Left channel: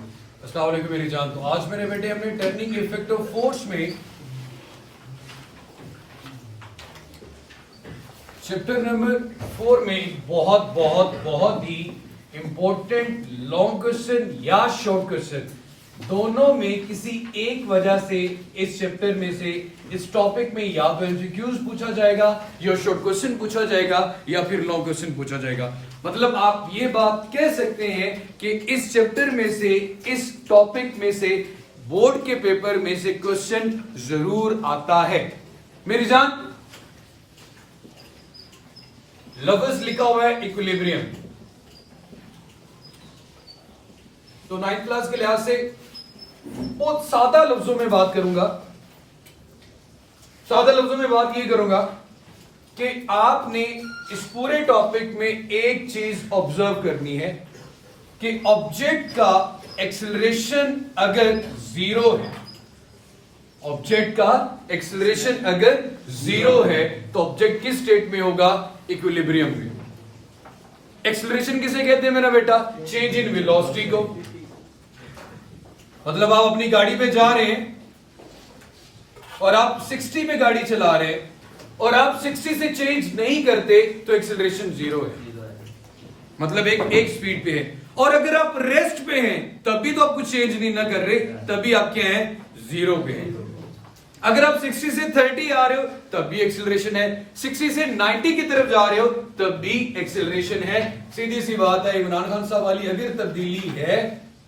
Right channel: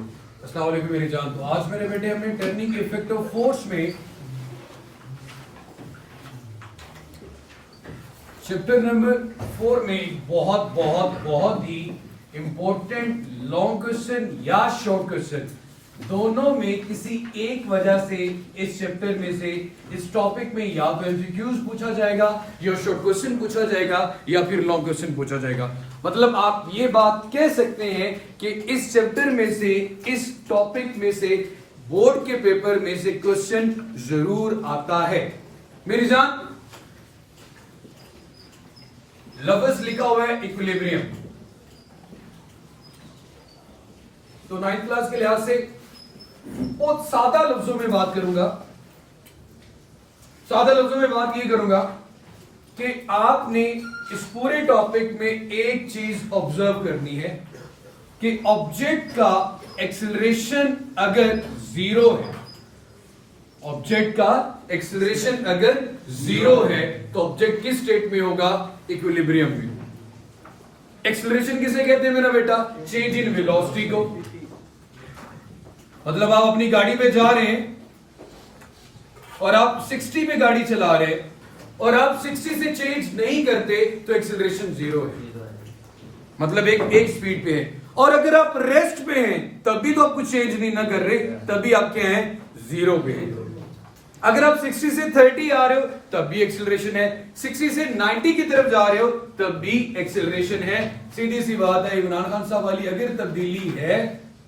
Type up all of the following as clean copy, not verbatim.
अस्सलाम वालेकुम मेरी जान। तो आज मेरे बेटे हमने टर्निंग इफेक्ट ऑफ फोर्स में चैप्टर नंबर 4 में बहुत ही इंपॉर्टेंट लॉन्ग क्वेश्चन या शॉर्ट क्वेश्चन दोनों में किसी एक वजह से इस चैप्टर में से इस टॉपिक में या तो एमसीक्यूज पूछा जाएगा या शॉर्ट क्वेश्चन पूछा जाएगा या फिर लॉन्ग क्वेश्चन पूछा जाएगा। मतलब आप ये बात कह सकते हैं कि इस चैप्टर में से इस टॉपिक में से बोर्ड के पेपर में से क्वेश्चन जरूर आता है। मेरी जान, लफ्ज लिखा हुआ है इक्विलिब्रियम, तो 9th क्लास के लिहाज से बहुत सादा लफ्जों में बात करूंगा। सादा लफ्जों में बात ये करूंगा कि आपने इस पूरे टॉपिक में एक चीज ऑब्जर्व करनी है कि ऑब्जेक्ट का एक्सेलरेशन अगर जीरो है, ऑब्जेक्ट का एक्सेलरेशन अगर जीरो है तो ऑब्जेक्ट किस स्टेट में होगा? इक्विलिब्रियम में। एक्सेलरेशन किसे कहते हैं मेरा बेटा? चेंज इन वेलोसिटी को। मतलब आप अपनी गाड़ी पे जा रहे हैं और आप 60 पे गाड़ी चला रहे हैं और आप 60 से चेंज नहीं करते तो एक्सेलरेशन जीरो है, मतलब एक स्पीड पे है। और अगर आप रेस्ट पे हैं तभी तो आप कुछ चेंज नहीं ना कर रहे, तभी आप क्या हैं? जीरो पे हैं। अगर आप 60 से 30 आ रहे हो तब भी एक्सेलरेशन है, 60 से 90 की तरफ जा रहे हो तब भी एक्सेलरेशन है। सीधी सी बात है, इमरान खान साहब वाली अगर तब्दीली है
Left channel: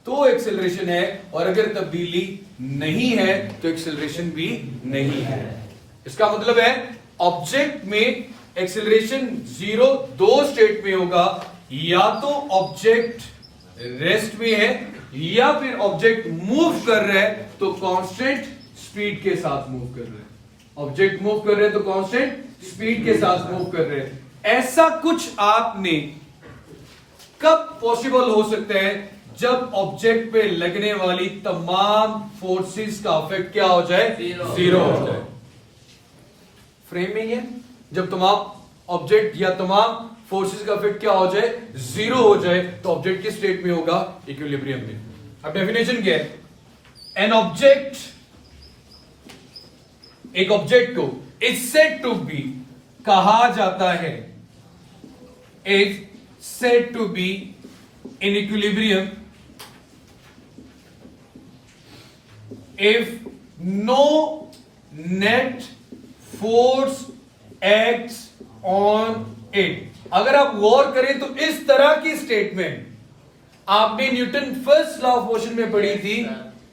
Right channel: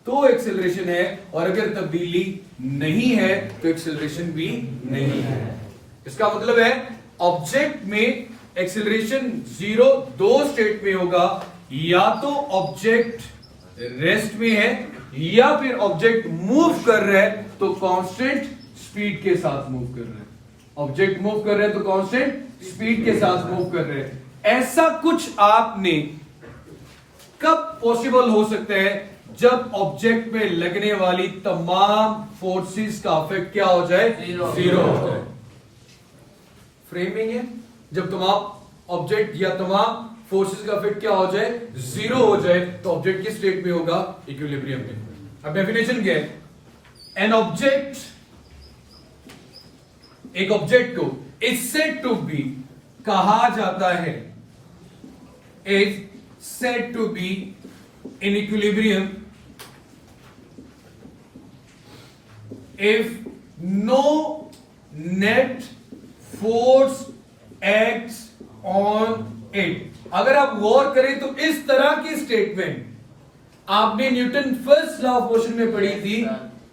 तो एक्सेलरेशन है और अगर तब्दीली नहीं है तो एक्सेलरेशन भी नहीं है। इसका मतलब है ऑब्जेक्ट में एक्सेलरेशन जीरो दो स्टेट में होगा, या तो ऑब्जेक्ट रेस्ट में है या फिर ऑब्जेक्ट मूव कर रहा है तो कांस्टेंट स्पीड के साथ मूव कर रहे हैं। ऑब्जेक्ट मूव कर रहे हैं तो कांस्टेंट स्पीड के साथ मूव कर रहे हैं। ऐसा कुछ आपने कब पॉसिबल हो सकता है? जब ऑब्जेक्ट पे लगने वाली तमाम फोर्सेस का इफेक्ट क्या हो जाए? जीरो हो जाए। फ्रेमिंग है, जब तमाम ऑब्जेक्ट या तमाम फोर्सेस का इफेक्ट क्या हो जाए? जीरो हो जाए तो ऑब्जेक्ट किस स्टेट में होगा? इक्विलिब्रियम में। अब डेफिनेशन क्या है? एन ऑब्जेक्ट, एक ऑब्जेक्ट को इज सेड टू बी कहा जाता है, is said to be in equilibrium if no net force acts on it। अगर आप गौर करें तो इस तरह की स्टेटमेंट आपने Newton first law of motion में पढ़ी थी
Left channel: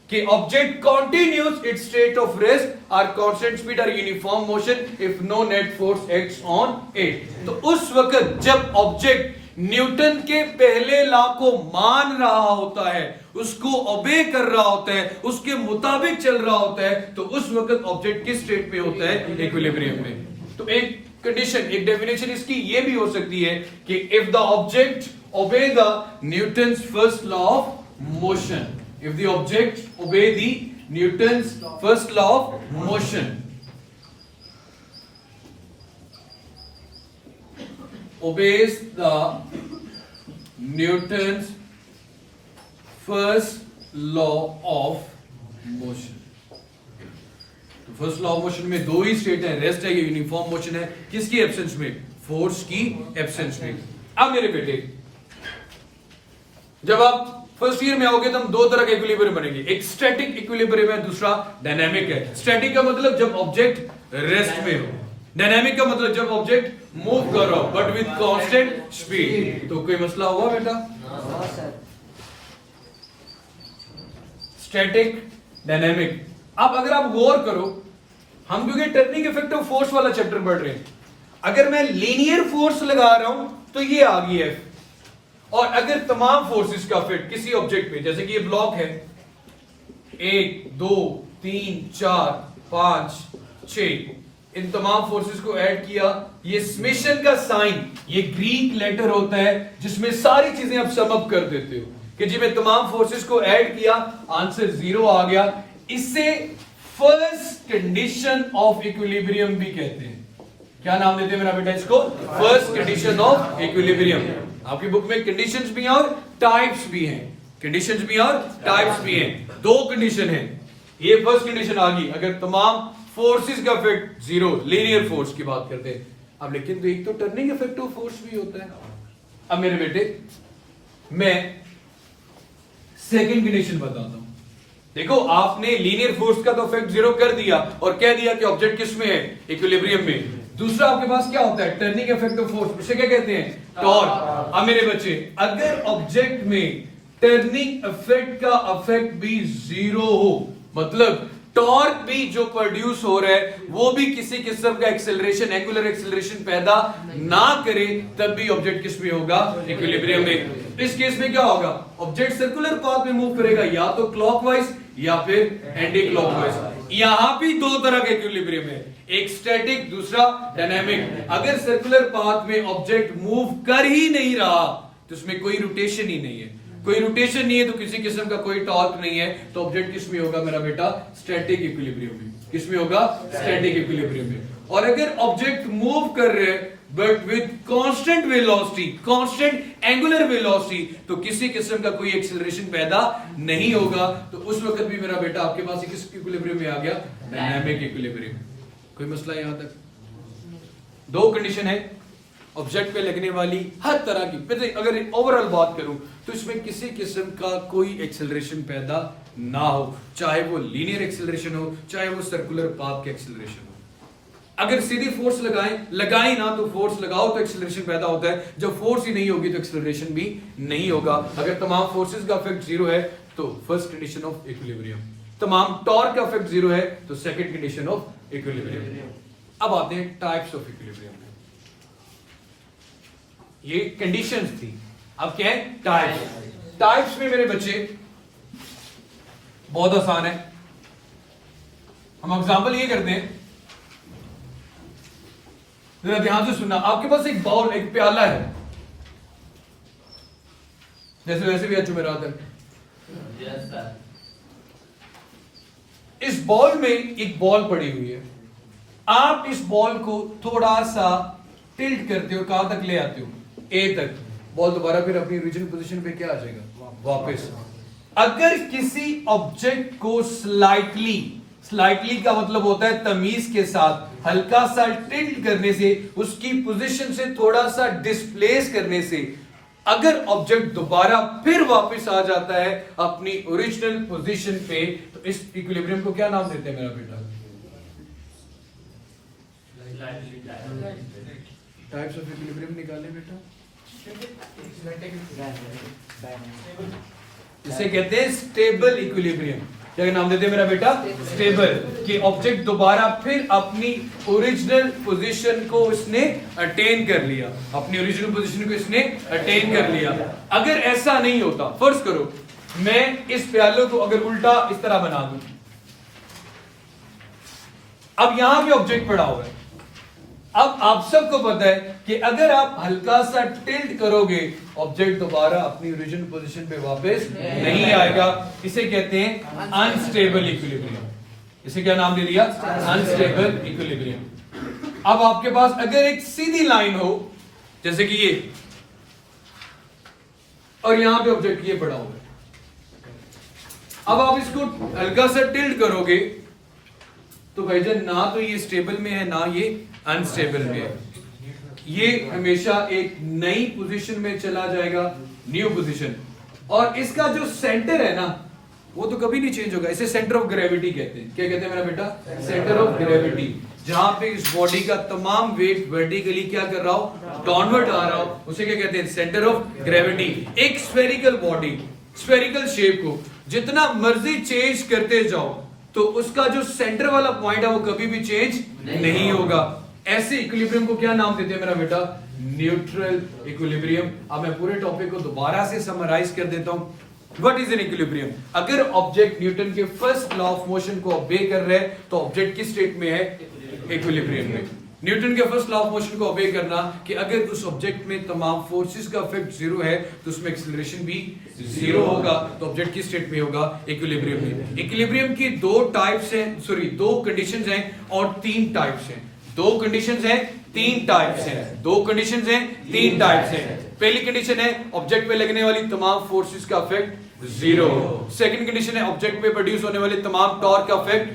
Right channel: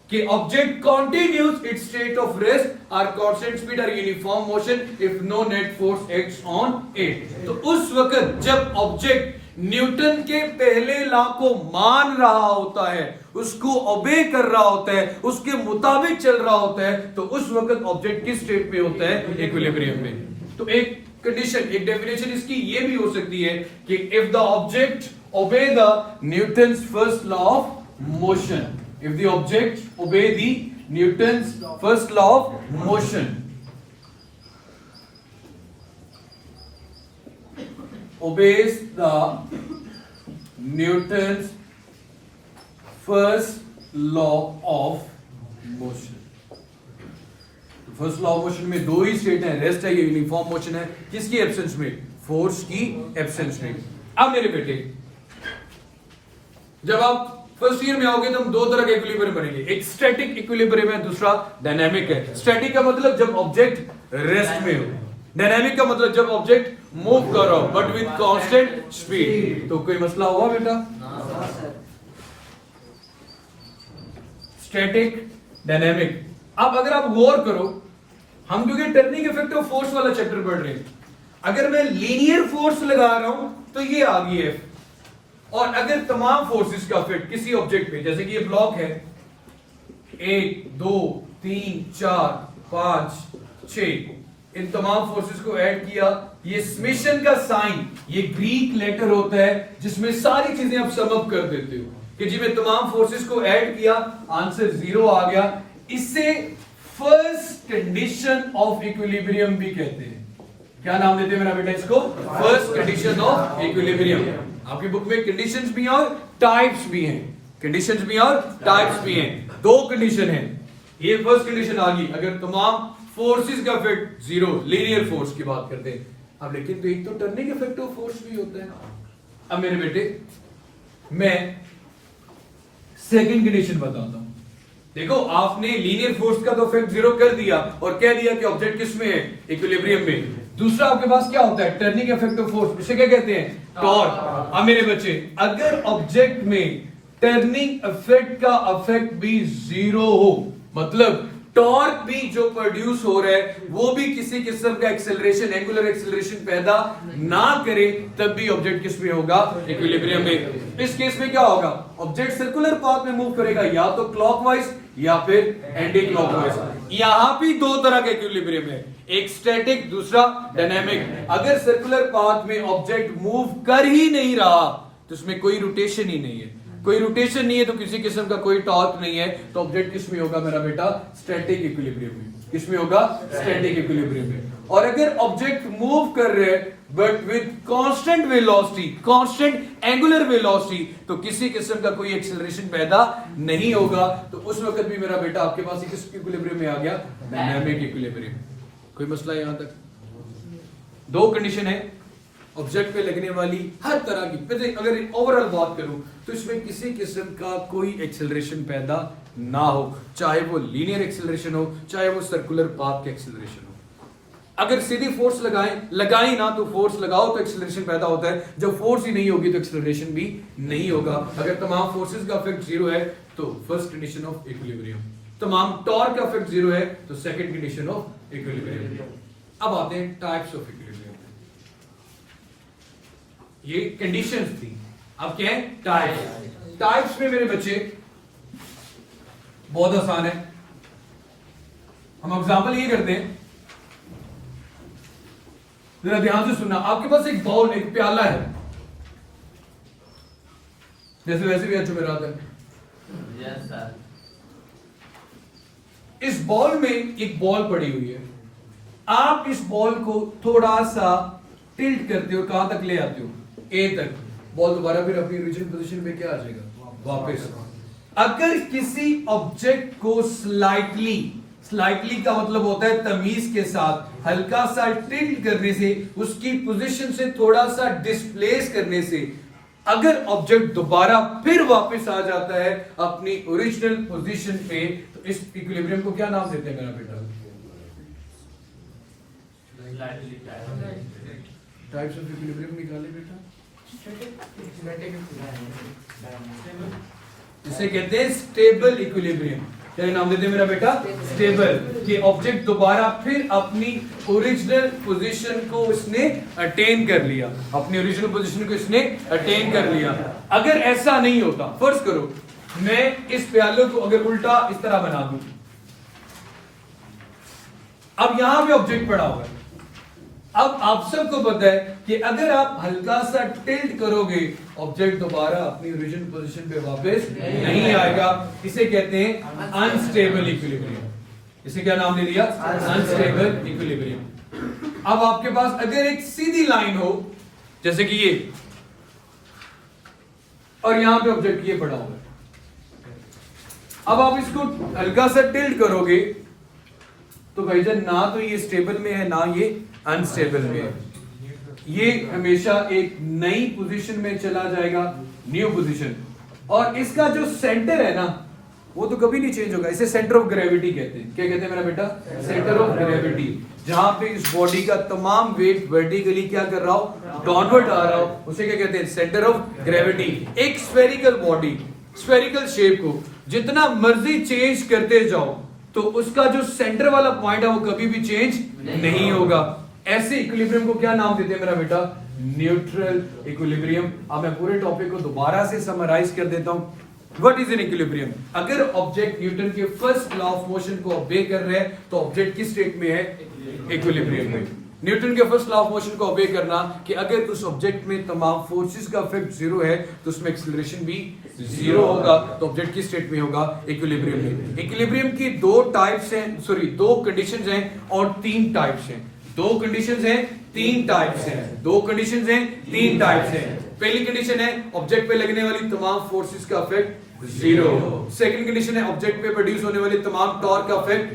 कि object continues its state of rest और कांस्टेंट स्पीड और uniform motion if no net force acts on it. तो उस वक्त जब ऑब्जेक्ट न्यूटन के पहले लॉ को मान रहा होता है, उसको ओबे कर रहा होता है, उसके मुताबिक चल रहा होता है, तो उस वक्त ऑब्जेक्ट किस स्टेट में होता है? इक्विलिब्रियम में। तो एक कंडीशन, एक डेफिनेशन इसकी ये भी हो सकती है कि if the object obey the Newton's first law of motion, if the object obey the Newton's first law of motion, obeys the Newton's first law of motion। तो फर्स्ट लॉ ऑफ मोशन में दो ही state है, rest है या uniform motion है। किसकी absence में? Force की एब्सेंस में। अब मेरे बेटे, जब आप फर्स्ट ईयर में आओगे तो हम दो तरह के इक्विलिब्रियम बनेंगे, एक स्टैटिक इक्विलिब्रियम है, दूसरा डायनामिक है। स्टैटिक का मतलब जब ऑब्जेक्ट रेस्ट में हो, डायनामिक का मतलब जब ऑब्जेक्ट मूव कर रहा हो बट विद कांस्टेंट स्पीड। तो कोई मसला हुआ बेटा? Static, dynamic. अब अगर आप गौर करो, हम क्योंकि टर्निंग इफेक्ट ऑफ फोर्स वाला चैप्टर पढ़ रहे हैं, अगर मैं लीनियर फोर्स लगा रहा हूं तो ये आ गई है, और अगर तमाम फोर्सेस का इफेक्ट किसी ऑब्जेक्ट पे, जैसे कि ये ब्लॉक है, 1 2 3 4 5 6, इन तमाम फोर्सेस को ऐड किया, ये समेशन का साइन, ये ग्रीक लेटर होता है जिसमें सारी चीजें आप सम अप कर देते हो कि जी मैं तमाम फोर्सेस को ऐड किया, आंसर जीरो आ गया। इसे फर्स्ट कंडीशन ऑफ इक्विलिब्रियम भी कहते हैं। क्या नाम देते हैं मेरा बेटा इसको? First condition of equilibrium. आपकी बुक में कंडीशंस भी हैं और टाइप्स भी हैं। कंडीशंस भी हैं और टाइप्स भी हैं। दो कंडीशन है, ये फर्स्ट कंडीशन आ गई अगर तमाम फोर्सेस का इफेक्ट जीरो, लीनियर फोर्स की बात करते हैं अब। लेकिन तो एक तो टर्निंग इफेक्ट ऑफ फोर्स भी होता है। अब मेरे बेटे मैं सेकंड कंडीशन बताता हूं। देखो आपने लीनियर फोर्स का तो इफेक्ट जीरो कर दिया और कह दिया कि ऑब्जेक्ट किस में है, इक्विलिब्रियम में। दूसरा आपके पास क्या होता है, टर्निंग इफेक्ट ऑफ फोर्स, उसे क्या कहते हैं, टॉर्क। अब मेरे बच्चे अगर ऑब्जेक्ट में टर्निंग इफेक्ट का इफेक्ट भी जीरो हो, मतलब टॉर्क भी जो प्रोड्यूस हो रहा है वो भी किसी किस्म का एक्सेलरेशन, एंगुलर एक्सेलरेशन पैदा ना करे, तब भी ऑब्जेक्ट किस में होगा, इक्विलिब्रियम में। इस केस में क्या होगा, ऑब्जेक्ट सर्कुलर पाथ में मूव करेगा, या तो क्लॉकवाइज या फिर एंटी क्लॉकवाइज। यहां भी दो तरह के इक्विलिब्रियम है, एक स्टैटिक, दूसरा डायनामिक। अगर सर्कुलर पाथ में ऑब्जेक्ट मूव कर ही नहीं रहा तो उसमें कोई रोटेशन ही नहीं है, कोई रोटेशन नहीं है तो किसी किस्म का कोई टॉर्क नहीं है, तो ऑब्जेक्ट किस में होगा मेरा बेटा, स्टैटिक इक्विलिब्रियम में। किस में होगा, स्टैटिक इक्विलिब्रियम में। और अगर ऑब्जेक्ट मूव कर रहे हैं but with constant velocity, constant angular velocity, तो किसी किस्म का कोई एक्सेलरेशन पैदा नहीं होगा, तो उस वक्त भी मेरा बेटा आपके पास किस इक्विलिब्रियम में आ गया, डायनामिक इक्विलिब्रियम। कोई मसला यहां तक? दो कंडीशन है ऑब्जेक्ट पे लगने वाली हर तरह की। फिर अगर ओवरऑल बात करूं तो इसमें किसी किस्म का कोई एक्सेलरेशन पैदा ना हो, चाहे वो लीनियर एक्सेलरेशन हो, चाहे वो सर्कुलर पाथ के एक्सेलरेशन हो। अगर सीधी फोर्स लगाएं ना तो फोर्स लगाओ तो एक्सेलरेशन पैदा होता है, जब फोर्स ही नहीं होगी तो एक्सेलरेशन भी नहीं होगा। अगर तमाम फोर्सेस का इफेक्ट जीरो है तो फर्स्ट कंडीशन ऑफ इक्विलिब्रियम, तमाम टॉर्क का इफेक्ट जीरो है तो सेकंड कंडीशन ऑफ इक्विलिब्रियम। अब आते हैं टाइप्स ऑफ इक्विलिब्रियम। ये कंडीशंस थी, अब क्या है, टाइप्स। टाइप्स में मेरे बच्चे बहुत आसान है, हम एग्जांपल ये करते हैं, जरा ध्यान से सुनना। आपके पास एक बाउल, एक प्याला है, जैसे वैसे भी अच्छे मेरा आता है। इस बॉल में एक बॉल पड़ी हुई है, आप इस बॉल को थोड़ा सा टिल्ट करते हो, कहां तक ले आते हो, ए तक। बॉल दोबारा फिर अपनी ओरिजिनल पोजीशन पे क्या आ जाएगा, वापस। अगर किसी ऑब्जेक्ट को स्लाइटली का मतलब होता है तमीज के साथ, हल्का सा टिल्ट करने से, उसकी पोजीशन से थोड़ा सा डिस्प्लेस करने से, अगर ऑब्जेक्ट दोबारा फिर वापस आ जाता है अपनी ओरिजिनल पोजीशन पे, तो इस इक्विलिब्रियम को क्या नाम देते हैं मेरा बेटा? टाइप्स ऑफ इक्विलिब्रियम निकाले बेटा। इसे कहते हैं स्टेबल इक्विलिब्रियम। क्या नाम देते हैं मेरा बेटा? स्टेबल, कि ऑब्जेक्ट दोबारा फिर अपनी ओरिजिनल पोजीशन को इसने अटेन कर लिया, अपनी ओरिजिनल पोजीशन को इसने अटेन कर लिया। अगर ऐसा नहीं होता, फर्ज करो मैं इस प्याले को अगर उल्टा इस तरह बना दूं, अब यहां पे ऑब्जेक्ट पड़ा हुआ है। अब आप सबको पता है कि अगर आप हल्का सा टिल्ट करोगे, ऑब्जेक्ट दोबारा अपनी ओरिजिनल पोजीशन पे वापस नहीं आएगा। इसे कहते हैं अनस्टेबल इक्विलिब्रियम। इसे क्या नाम दे दिया? Unstable equilibrium. अब आपके पास अगर एक सीधी लाइन हो, जैसे कि ये, और यहां पे ऑब्जेक्ट ये पड़ा हुआ है, अब आप इसको हल्का सा टिल्ट करोगे तो भाईजान ना तो ये स्टेबल में है ना ये अनस्टेबल में है, ये हमेशा एक नई पोजीशन में चला जाएगा, न्यू पोजीशन। और इसका जो सेंटर है ना वो तो कभी नहीं चेंज होगा। इसे सेंटर ऑफ ग्रेविटी कहते हैं। क्या कहते हैं मेरा बेटा? Centre of gravity. जहां पे इस बॉडी का तमाम वेट वर्टिकली क्या कर रहा हो, डाउनवर्ड आ रहा हो, उसे क्या कहते हैं? Centre of gravity. एक स्फेरिकल बॉडी, स्फेरिकल शेप को जितना मर्जी चेंज करते जाओ तो उसका जो सेंटर वाला पॉइंट है वो कभी भी चेंज नहीं होगा। ऐसे इक्विलिब्रियम को क्या नाम देते हैं मेरा बेटा? Neutral equilibrium. अब मैं पूरे टॉपिक को दोबारा से समराइज कर देता हूं। What is an equilibrium? अगर ऑब्जेक्ट न्यूटन के फर्स्ट लॉ ऑफ मोशन को ओबे कर रहे हैं तो ऑब्जेक्ट किस स्टेट में है? इक्विलिब्रियम में। न्यूटन के फर्स्ट लॉ ऑफ मोशन को ओबे करना कि अगर उस ऑब्जेक्ट में तमाम फोर्सेस का इफेक्ट जीरो है तो उसमें एक्सेलरेशन भी जीरो होगा, तो ऑब्जेक्ट किस स्टेट में होगा? इक्विलिब्रियम में। इक्विलिब्रियम की दो टाइप्स हैं, सॉरी दो कंडीशंस हैं और तीन टाइप्स हैं। दो कंडीशंस हैं, तीन टाइप्स हैं। दो कंडीशंस हैं, तीन टाइप्स हैं। पहली कंडीशन है ऑब्जेक्ट पे लगने वाली तमाम फोर्सेस का इफेक्ट जीरो। सेकंड कंडीशन है ऑब्जेक्ट पे प्रोड्यूस होने वाली तमाम टॉर्क का इफेक्ट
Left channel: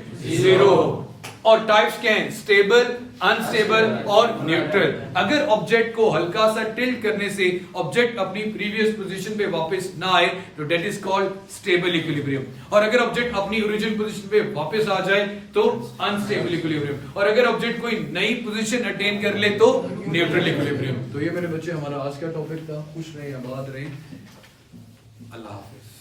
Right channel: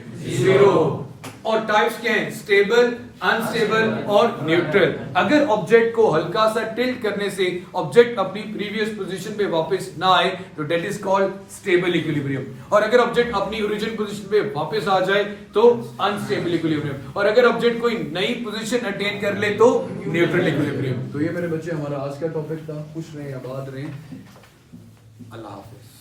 जीरो। और टाइप्स क्या हैं? स्टेबल, अनस्टेबल और न्यूट्रल। अगर ऑब्जेक्ट को हल्का सा टिल्ट करने से ऑब्जेक्ट अपनी प्रीवियस पोजीशन पे वापस ना आए तो that is called stable equilibrium. और अगर ऑब्जेक्ट अपनी ओरिजिनल पोजीशन पे वापस आ जाए तो अनस्टेबल इक्विलिब्रियम। और अगर ऑब्जेक्ट कोई नई पोजीशन अटेन कर ले तो न्यूट्रल इक्विलिब्रियम। तो ये मेरे बच्चे हमारा आज का टॉपिक था। खुश रहें, आबाद रहें। अल्लाह हाफिज।